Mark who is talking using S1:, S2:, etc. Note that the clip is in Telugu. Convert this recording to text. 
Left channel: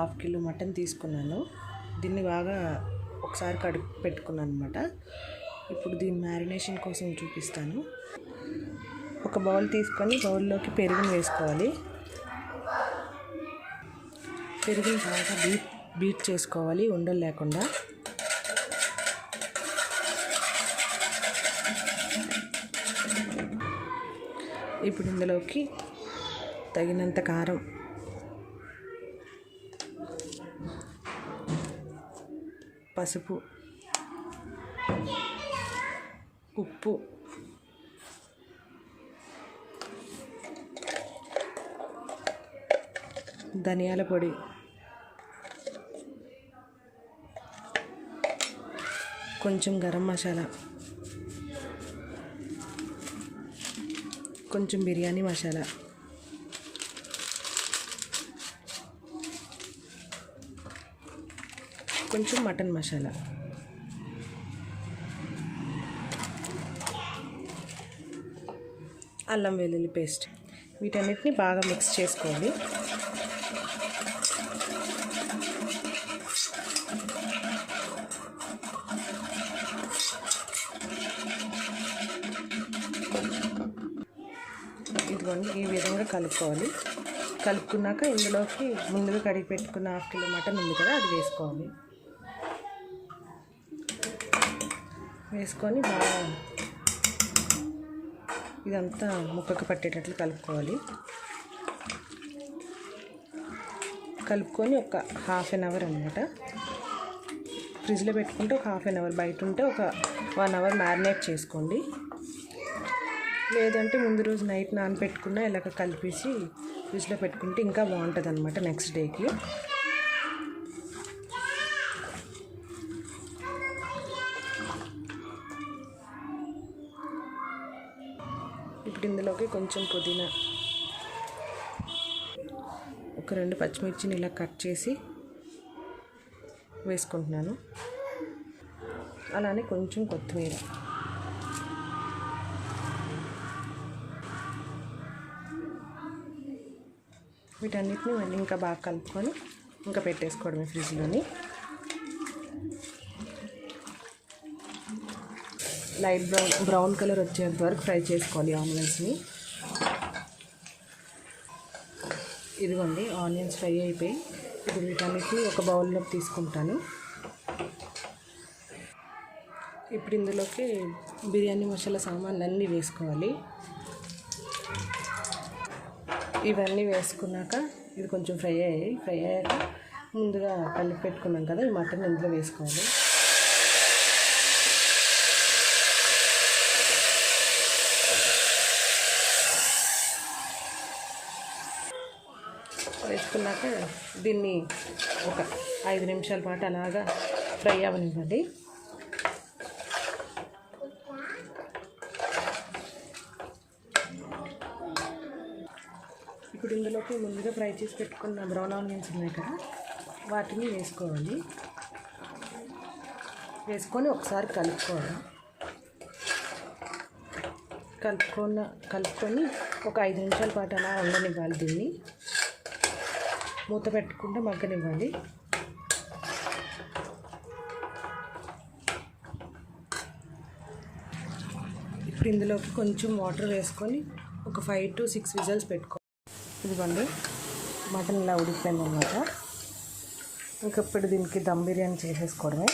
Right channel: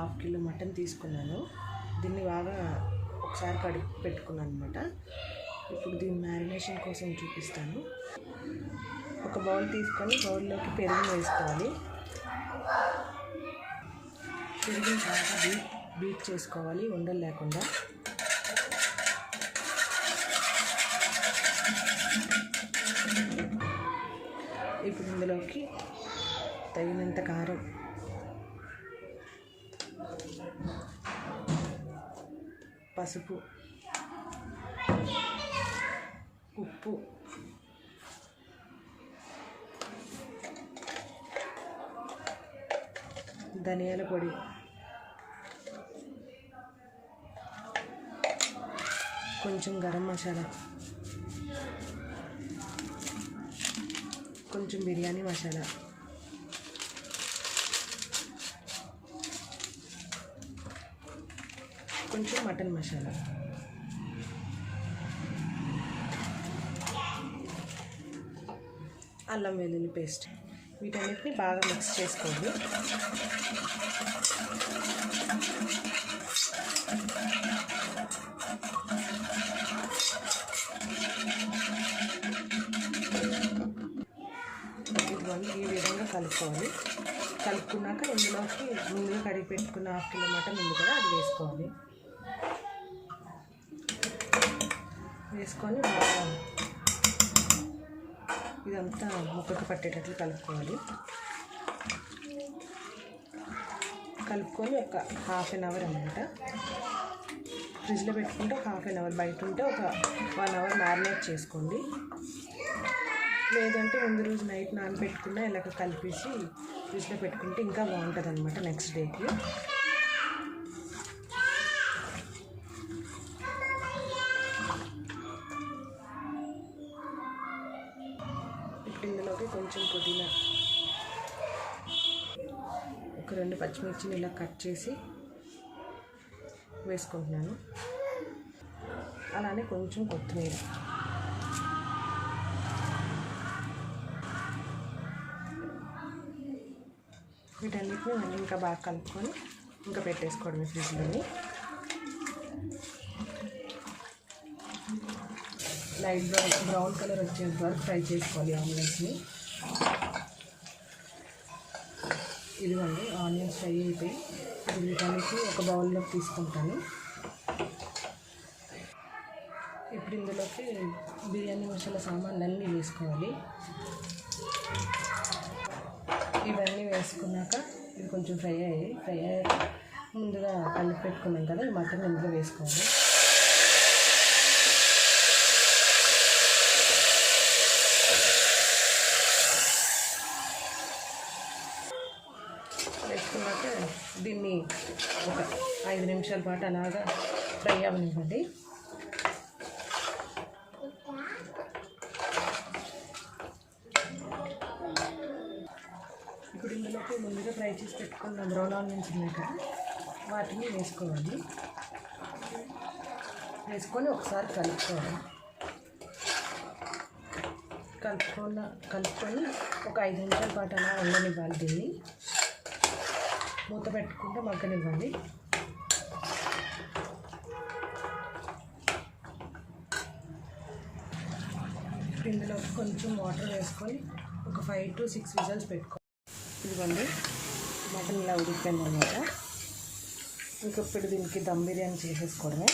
S1: హాఫ్ కిలో మటన్ తీసుకున్నాను. దీన్ని బాగా ఒకసారి కడిగి పెట్టుకున్నాను అనమాట ఇప్పుడు దీని మ్యారినేషన్ కోసం చూపిస్తాను. ఒక బౌల్ తీసుకొని బౌల్లోకి పెరుగును వేసుకోవాలి. పెరుగును బాగా బీట్ బీట్ చేసుకోవాలి ఉండలు లేకుండా. ఇప్పుడు ఇందులోకి తగినంత కారం పసుపు ఉప్పు ధనియాల పొడి కొంచెం గరం మసాలా కొంచెం బిర్యానీ మసాలా. కొంచెం మటన్ మసాలా. అల్లం వెల్లుల్లి పేస్ట్. వీటన్నిటిని బాగా మిక్స్ చేసుకోవాలి. ఇదిగోండి ఈ విధంగా కలుపుకోవాలి. కలుపుకున్నాక ఇందులోకి ముందుగా కడిగి పెట్టుకున్న హాఫ్ కిలో మటన్ ఉంది కదా అది వేసుకోవాలి. వేసుకొని ఇదంతా ముక్కకు పట్టేటట్లు కలుపుకోవాలి. కలుపుకొని ఒక హాఫ్ అన్ అవర్ అనమాట ఫ్రిడ్జ్లో పెట్టుకుంటే ఒక హాఫ్ అన్ అవర్. బయట ఉంటే ఒక వన్ అవర్ మ్యారినేట్ చేసుకోండి. లేదంటే ముందు రోజు నైట్ నానబెట్టుకున్న ఇలాగ కలిపేసి ఫ్రిడ్జ్లో పెట్టుకుంటే ఇంకా బాగుంటుంది అనమాట నెక్స్ట్ డేకి. ఇప్పుడు ఇందులోకి కొంచెం పుదీనా. ఒక రెండు పచ్చిమిర్చిని ఇలా కట్ చేసి వేసుకుంటున్నాను. అలానే కొంచెం కొత్తిమీర. వీటన్నిటిని మళ్ళీ ఇంకా బాగా కలుపుకొని ఇంకా పెట్టేసుకోవడమే ఫ్రిడ్జ్లోని. లైట్ బ్రౌన్ బ్రౌన్ కలర్ వచ్చేంత వరకు ఫ్రై చేసుకోవాలి ఆమ్లెట్స్ని. ఇదిగోండి ఆనియన్స్ ఫ్రై అయిపోయి ఇప్పుడు వీటన్నిటిని ఒక బౌల్లోకి తీసుకుంటాను. ఇప్పుడు ఇందులోకి బిర్యానీ మసాలా సామాన్లు అన్నీ వేసుకోవాలి. ఇవన్నీ వేసుకున్నాక ఇది కొంచెం ఫ్రై అయ్యాయి. ఫ్రై అయ్యాక ముందుగా కలిపి పెట్టుకున్నాం కదా ఈ మటన్ ఇందులో వేసుకోవాలి. వేసుకున్నాక దీన్ని ఒక ఐదు నిమిషాల పాటు అలాగా ఫ్రై అవ్వనివ్వండి ఇప్పుడు ఇందులోకి ముందుగా ఫ్రై చేసి పెట్టుకున్న బ్రౌన్ ఆనియన్స్ ఉన్నాయి కదా వాటిని వేసుకోవాలి. వేసుకొని ఒకసారి కలుపుకోవాలి. కలుపుకున్న కలుపుకొని ఒక ఐదు నిమిషాల పాటు అలా ఉండనివ్వాలి దీన్ని. మూత పెట్టుకుంటే మగ్గనివ్వండి. ఇప్పుడు ఇందులో కొంచెం వాటర్ వేసుకొని ఒక ఫైవ్ టు సిక్స్ విజల్స్ పెట్టుకో ఇదిగోండి మటన్ ఇలా ఉడికిపోయింది అనమాట ఇంకప్పుడు ఇప్పుడు దీనికి దమ్ బిర్యానీ చేసేసుకోవడమే.